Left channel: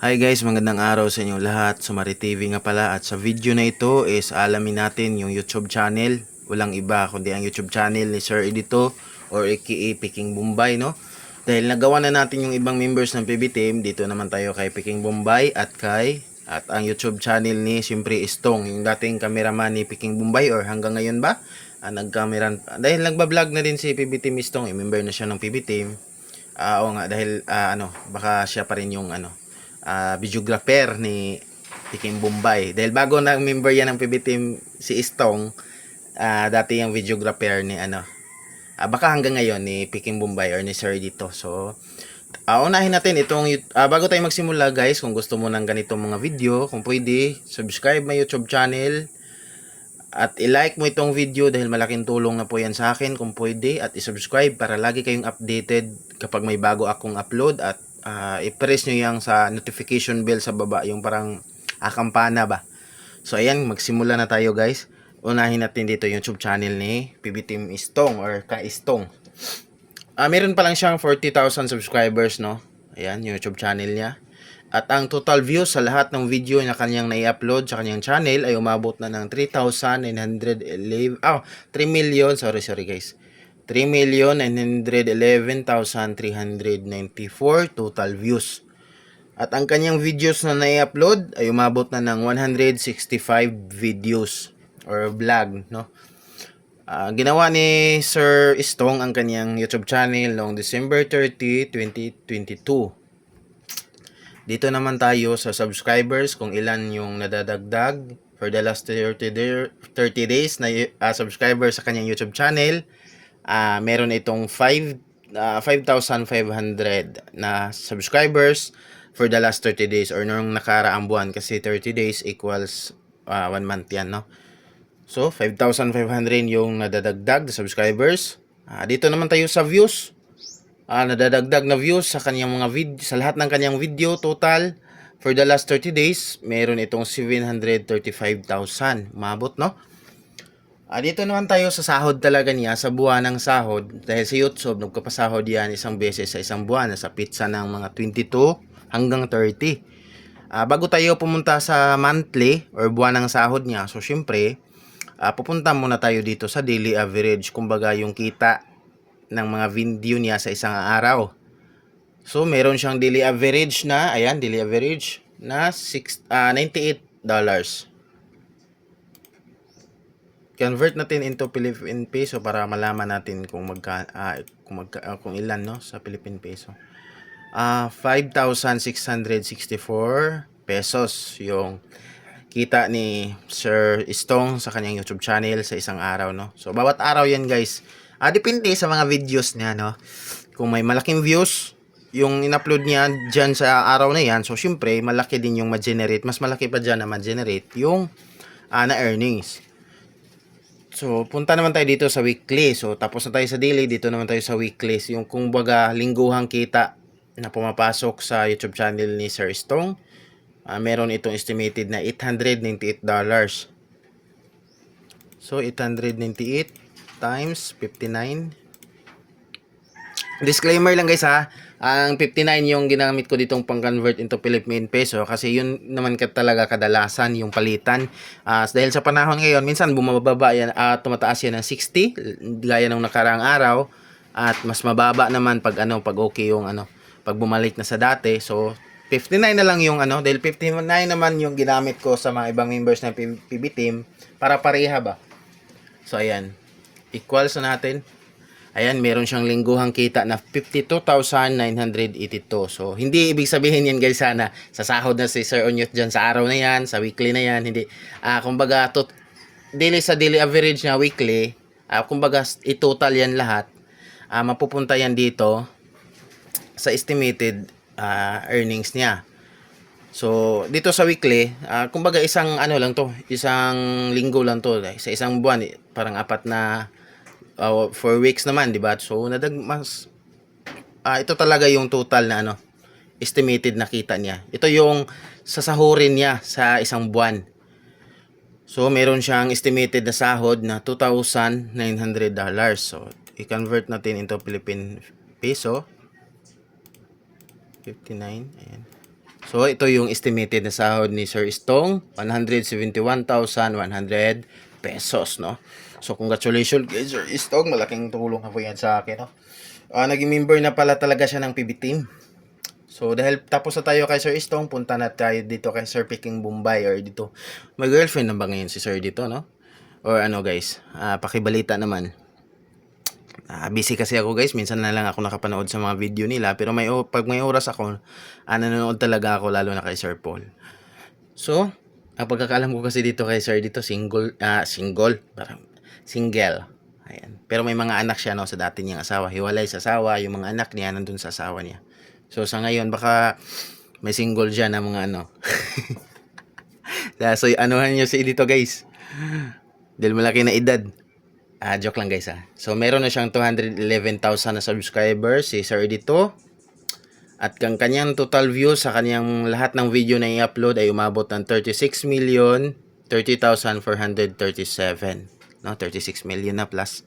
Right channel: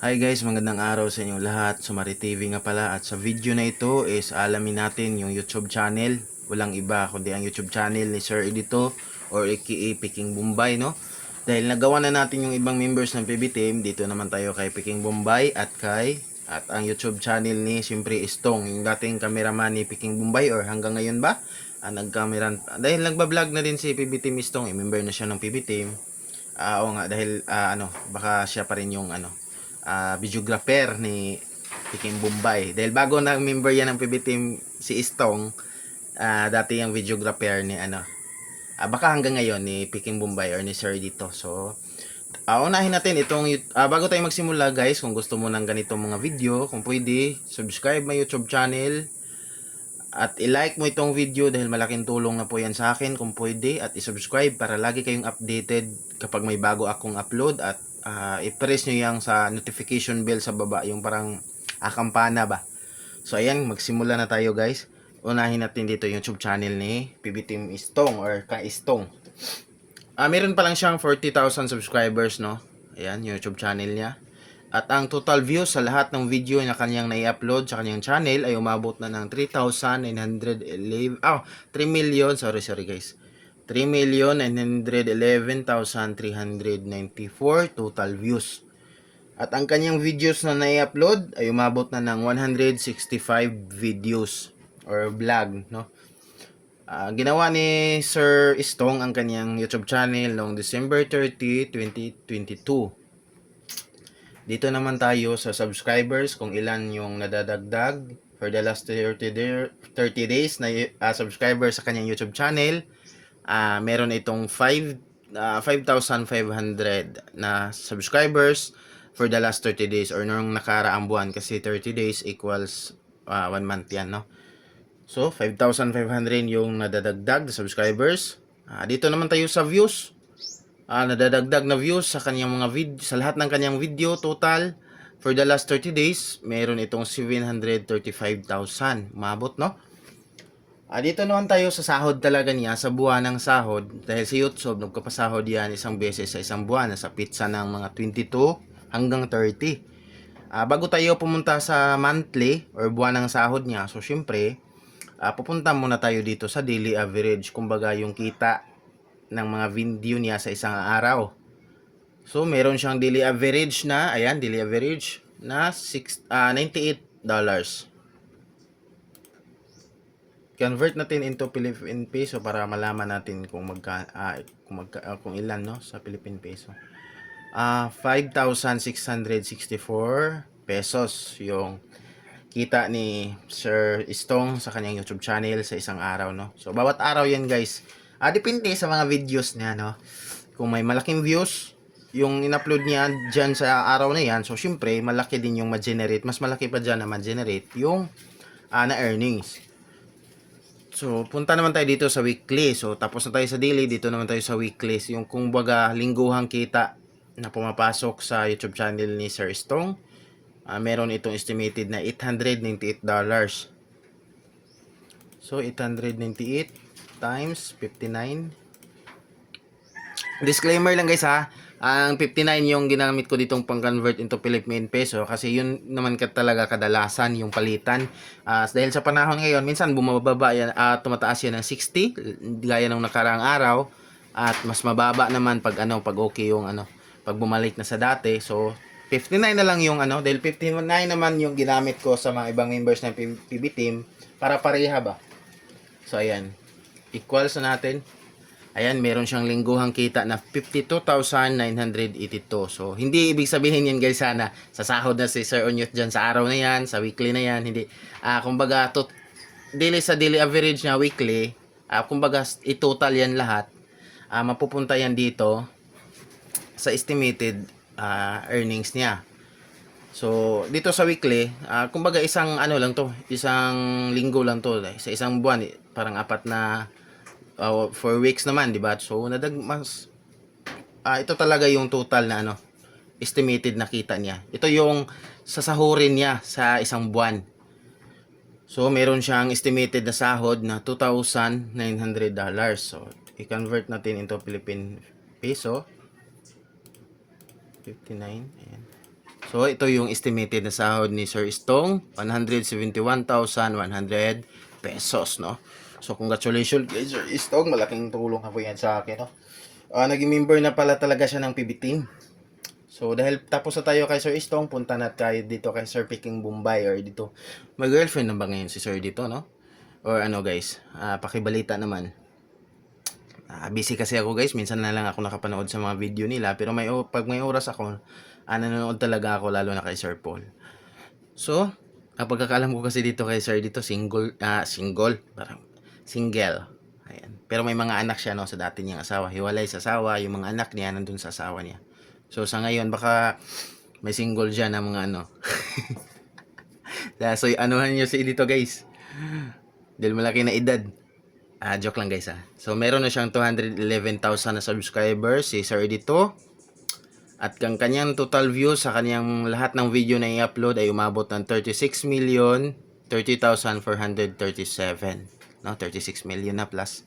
Hi guys, magandang araw sa inyo lahat. Sumari TV nga pala, at sa video na ito is alamin natin yung YouTube channel. Walang iba kundi ang YouTube channel ni Sir Edito or aka Peking Bombay, no? Dahil nagawa na natin yung ibang members ng PB Team, dito naman tayo kay Peking Bombay at ang YouTube channel ni siyempre Istong, yung dating cameraman ni Peking Bombay or hanggang ngayon ba? Nagkamera dahil nagba-vlog na din si PB Team Istong, member na siya ng PB Team. Oo nga, dahil baka siya pa rin yung videographer ni Peking Bombay. Dahil bago na member yan ng PB Team si Istong, dati yung videographer ni baka hanggang ngayon ni Peking Bombay or ni Sir dito. So, unahin natin itong bago tayo magsimula guys, kung gusto mo ng ganitong mga video, kung pwede, subscribe my YouTube channel at i-like mo itong video dahil malaking tulong na po yan sa akin kung pwede, at i-subscribe para lagi kayong updated kapag may bago akong upload, at i-press nyo yung sa notification bell sa baba, yung parang kampana ba. So ayan, magsimula na tayo guys. Unahin natin dito yung YouTube channel ni PB Team Istong or Ka Istong. Meron pa lang siyang 40,000 subscribers, no? Ayan, yung YouTube channel niya. At ang total views sa lahat ng video na kanyang nai-upload sa kanyang channel ay umabot na ng 3,911 3 million, sorry guys. 3,911,394 total views. At ang kanyang videos na nai-upload ay umabot na ng 165 videos or vlog, no? Ginawa ni Sir Istong ang kanyang YouTube channel noong December 30, 2022. Dito naman tayo sa subscribers, kung ilan yung nadadagdag for the last 30 days na subscribers sa kanyang YouTube channel. Meron itong 5,500 na subscribers for the last 30 days or nung nakaraang buwan, kasi 30 days equals 1 month yan, no? So 5,500 yung nadadagdag na subscribers. Dito naman tayo sa views. Nadadagdag na views sa kanyang mga sa lahat ng kanyang video total for the last 30 days, meron itong 735,000 mabot, no? Dito naman tayo sa sahod talaga niya, sa buwan ng sahod, dahil sa YouTube nagpapasahod yan isang beses sa isang buwan, sa pizza ng mga 22 hanggang 30. Bago tayo pumunta sa monthly or buwan ng sahod niya, so syempre pupunta muna tayo dito sa daily average, kumbaga yung kita ng mga video niya sa isang araw. So meron siyang daily average na, ayan, daily average na $98. Convert natin into Philippine peso para malaman natin kung ilan, no, sa Philippine peso. 5,664 pesos yung kita ni Sir Istong sa kanyang YouTube channel sa isang araw, no. So bawat araw yan guys. Depende sa mga videos niya, no. Kung may malaking views yung in-upload niya dyan sa araw na yan, so syempre malaki din yung ma-generate, mas malaki pa dyan na ma-generate yung na earnings. So punta naman tayo dito sa weekly. So tapos na tayo sa daily, dito naman tayo sa weekly, yung kung baga lingguhang kita na pumapasok sa YouTube channel ni Sir Istong. Meron itong estimated na $898. So 898 times 59. Disclaimer lang guys ha, ang 59 yung ginamit ko ditong pang-convert into Philippine peso kasi yun naman talaga kadalasan yung palitan. Dahil sa panahon ngayon, minsan bumababa yan at tumataas yan ng 60 gaya ng nakaraang araw, at mas mababa naman pag pag okay yung pag bumalik na sa dati. So 59 na lang yung dahil 59 naman yung ginamit ko sa mga ibang members ng PB Team para pareha ba. So ayan, equals na natin. Ayan, meron siyang lingguhang kita na 52,982. So, hindi ibig sabihin yan guys sana sa sahod na si Sir Onyot dyan sa araw na yan, sa weekly na yan. Hindi. Kumbaga, daily sa daily average na weekly, kumbaga, i-total yan lahat. Mapupunta yan dito sa estimated earnings niya. So, dito sa weekly, kumbaga isang lang to, isang linggo lang to. Sa isang buwan, parang 4 na 4 weeks naman, di ba? So ito talaga yung total na estimated na kita niya. Ito yung sasahurin niya sa isang buwan. So meron siyang estimated na sahod na $2,900. So i-convert natin into Philippine peso. 59, ayan. So, ito yung estimated na sahod ni Sir Istong, 171,100 pesos, no? So, congratulations kay Sir Istong. Malaking tulong na po yan sa akin, no? Naging member na pala talaga siya ng PB Team. So, dahil tapos na tayo kay Sir Istong, punta na tayo dito kay Sir Peking Bombay or dito. May girlfriend na ba ngayon si Sir dito, no? Or ano guys, pakibalita naman. Busy kasi ako guys, minsan na lang ako nakapanood sa mga video nila, pero pag may oras ako, nanonood talaga ako, lalo na kay Sir Paul. So, ang pagkakaalam ko kasi dito kay Sir dito, parang single. Ayan. Pero may mga anak siya, no, sa dati niyang asawa. Hiwalay sa asawa, yung mga anak niya nandun sa asawa niya. So, sa ngayon, baka may single dyan na mga ano. So, anuhan niyo si dito guys. Dahil malaki na edad. Joke lang guys So, meron na siyang 211,000 na subscribers si Sir dito. At ang kanyang total views sa kanyang lahat ng video na i-upload ay umabot ng 36,030,437. No, 36 million na plus.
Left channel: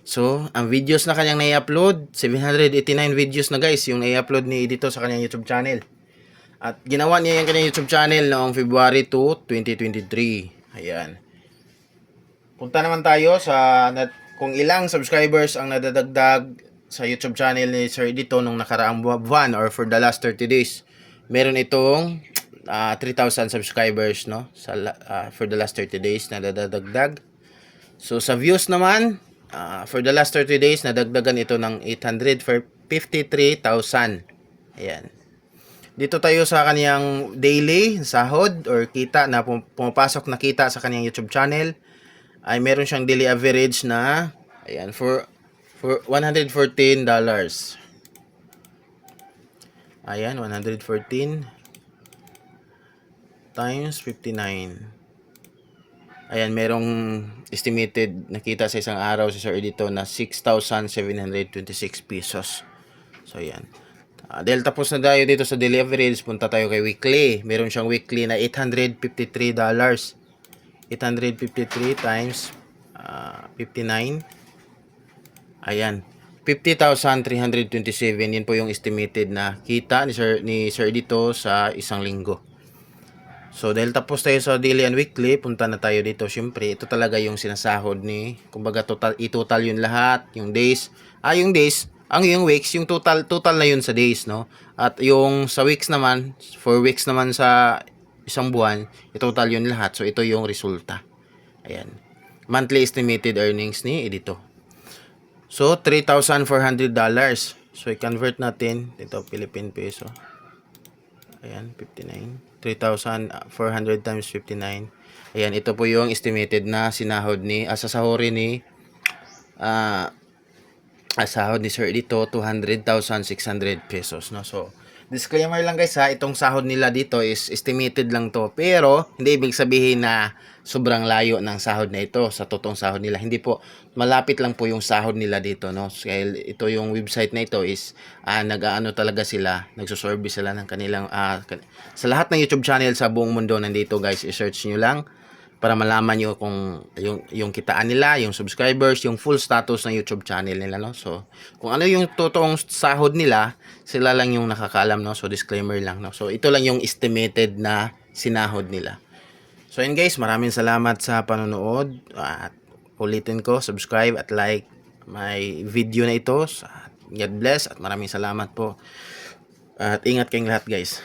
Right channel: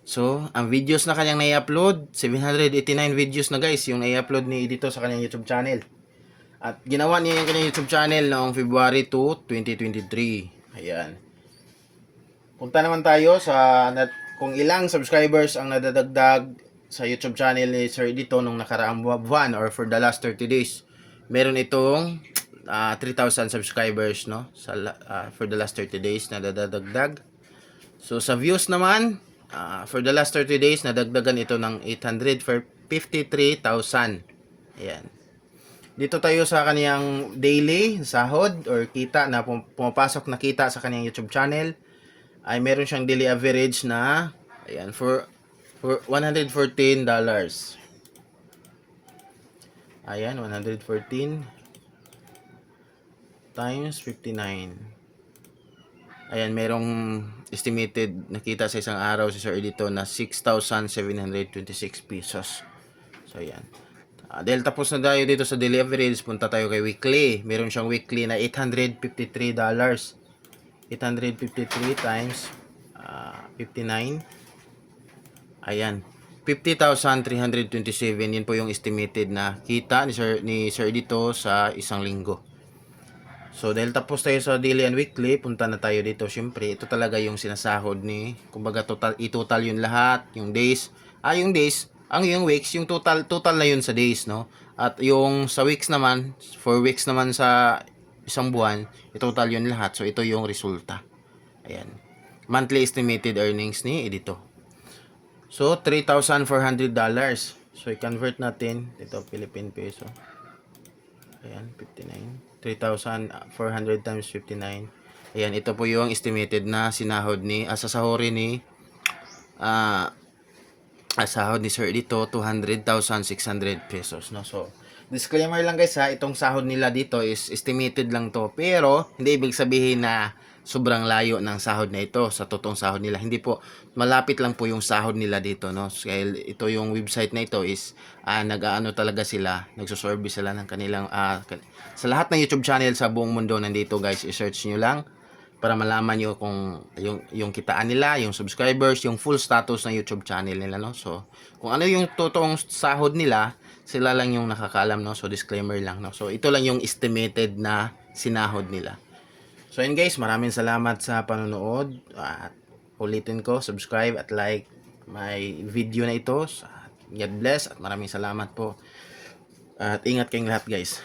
So, ang videos na kanyang na-upload, 789 videos na guys, yung na-upload ni dito sa kanyang YouTube channel. At ginawa niya yung kanyang YouTube channel noong February 2, 2023. Ayan. Punta naman tayo sa kung ilang subscribers ang nadadagdag sa YouTube channel ni Sir dito nung nakaraang buwan or for the last 30 days. Meron itong 3,000 subscribers, no? For the last 30 days na nadadagdag. So sa views naman, for the last 30 days nadagdagan ito ng 853,000. Ayan. Dito tayo sa kaniyang daily sahod or kita na pumapasok na kita sa kaniyang YouTube channel. Ay meron siyang daily average na ayan for $114. Ayan, 114 times 59. Ayan, merong estimated nakita sa isang araw sa Sir dito na 6,726 pesos. So ayan. Dahil tapos na tayo dito sa daily average, punta tayo kay weekly. Meron siyang weekly na $853. 853 times 59. Ayan. 50,327. Yan po yung estimated na kita ni Sir dito sa isang linggo. So, dahil tapos tayo sa daily and weekly, punta na tayo dito. Siyempre, ito talaga yung sinasahod kumbaga i-total yun lahat, yung days. Yung weeks, yung total na yun sa days, no? At yung sa weeks naman, 4 weeks naman sa isang buwan, i-total yun lahat. So, ito yung resulta. Ayan. Monthly estimated earnings ni dito. So, $3,400. So, i-convert natin. Ito, Philippine peso. Ayan, 59. 3,400 times 59. Ayan, ito po yung estimated na sinahod sasahorin sahod ni Sir dito, 200,600 pesos. No? So, disclaimer lang guys itong sahod nila dito is estimated lang to. Pero, hindi ibig sabihin na sobrang layo ng sahod na ito sa totoong sahod nila. Hindi po, malapit lang po yung sahod nila dito, no? Kaya ito yung website na ito is nag-aano talaga sila, nagso-service sila ng kanilang sa lahat ng YouTube channel sa buong mundo nandito guys, i-search nyo lang para malaman nyo kung yung kitaan nila, yung subscribers, yung full status ng YouTube channel nila, no? So, kung ano yung totoong sahod nila, sila lang yung nakakaalam, no? So, disclaimer lang, no? So, ito lang yung estimated na sinahod nila. So, yun guys, maraming salamat sa panonood. At ulitin ko, subscribe at like my video na ito. God bless at maraming salamat po. At ingat kayong lahat guys.